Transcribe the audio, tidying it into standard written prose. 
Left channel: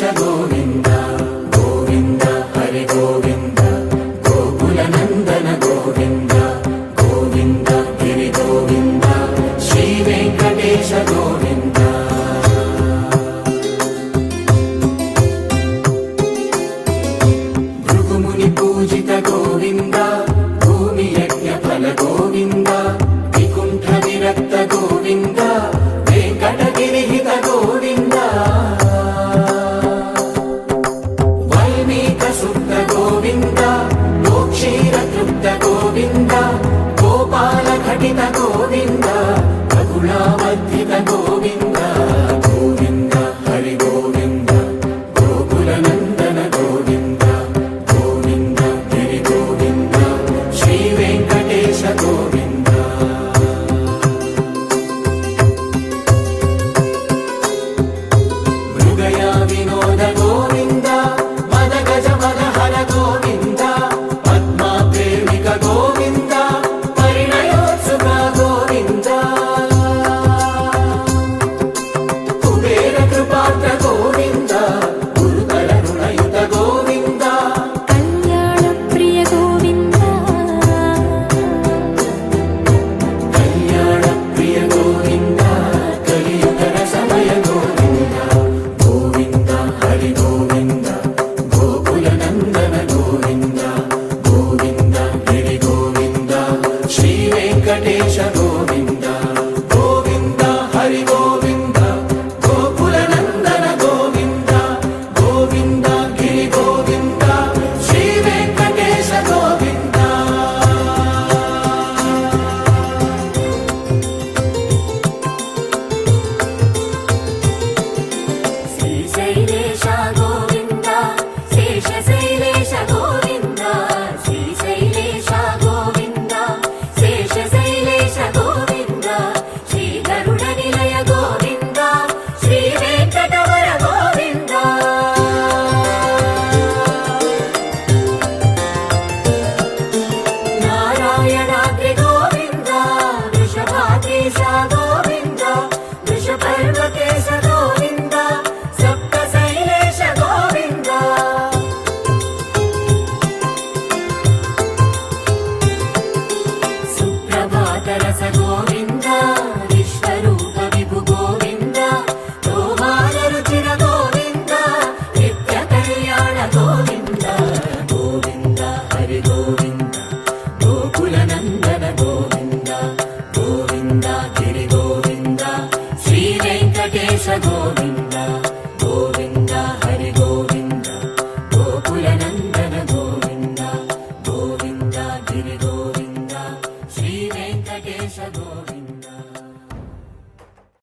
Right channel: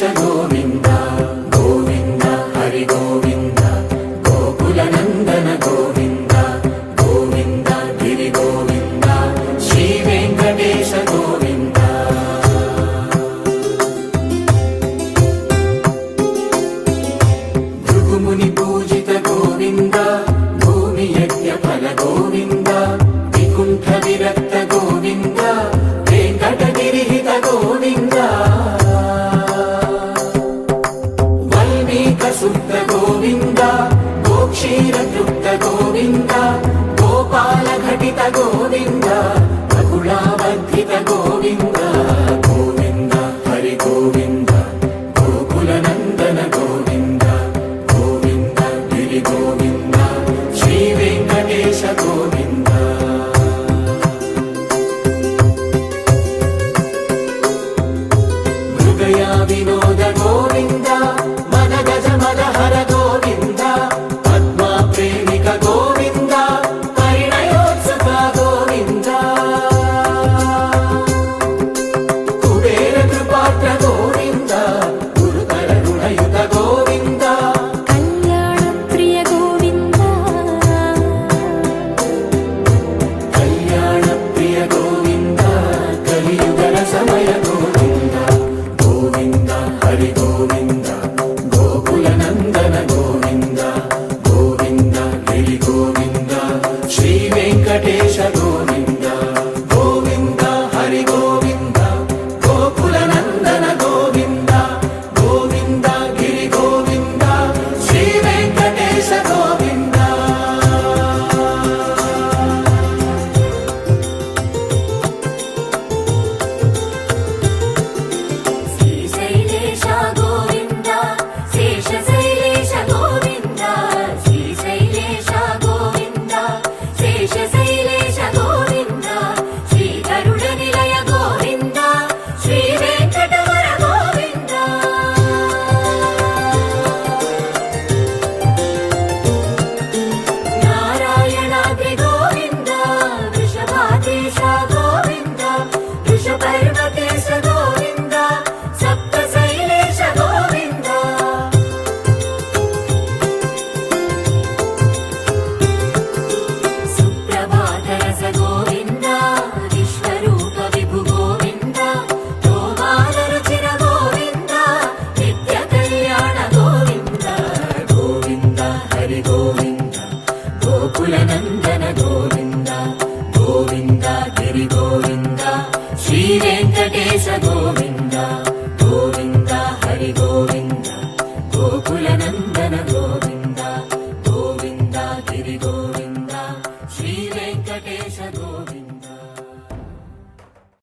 गोविन्द गोविन्द हरि गोविन्द गोकुलनन्दन गोविन्द गोविन्द गिरि गोविन्द श्री वेङ्कटेश गोविन्द भृगुमुनि पूजित गोविन्द भूमि यज्ञफल गोविन्द विकुण्ठ विरक्त गोविन्द वेङ्कटगिरिहित गोविन्द शुद्ध गोविन्द गोक्षीरतृप्त गोविन्द गोपाल घटित गोविन्द रघुणावर्धित गोविन्द गोविन्द हरि गोविन्द गोकुलनन्दन गोविन्द गोविन्द गिरि गोविन्द श्री वेङ्कटेश गोविन्द मृगया विनोद गोविन्द गोविन्द परिणयोत्सुक गोविन्द कुबेर कृपात्र गोविन्द गुरुतर ऋणयुत गोविन्द कल्याणप्रिय गोविन्द कल्याणप्रिय गोविन्द कलियुगर समय गोविन्द गोविन्द हरि गोविन्द गोकुलनन्दन गोविन्द श्री वेङ्कटेश गोविन्द गोविन्द हरि गोविन्द गोकुलनन्दन गोविन्द गोविन्द गिरि गोविन्द श्री वेङ्कटेश गोविन्द श्रीशैलेश गोविन्द शेषशैलेश गोविन्द श्रीशैलेश गोविन्द शेषशैलेश गोविन्द श्रीगरुडनिलय गोविन्द श्रीवेङ्कटवर गोविन्द नारायणाद्रि गोविन्द वृषभाद्रीश गोविन्द वृषपर्वतेश गोविन्द सप्तशैलेश गोविन्द सुप्रभातरस गोविन्द विश्वरूप विभु गोविन्द गोपालरुचिर गोविन्द नित्यकल्याण गोविन्द गोविन्द हरि गोविन्द गोकुलनन्दन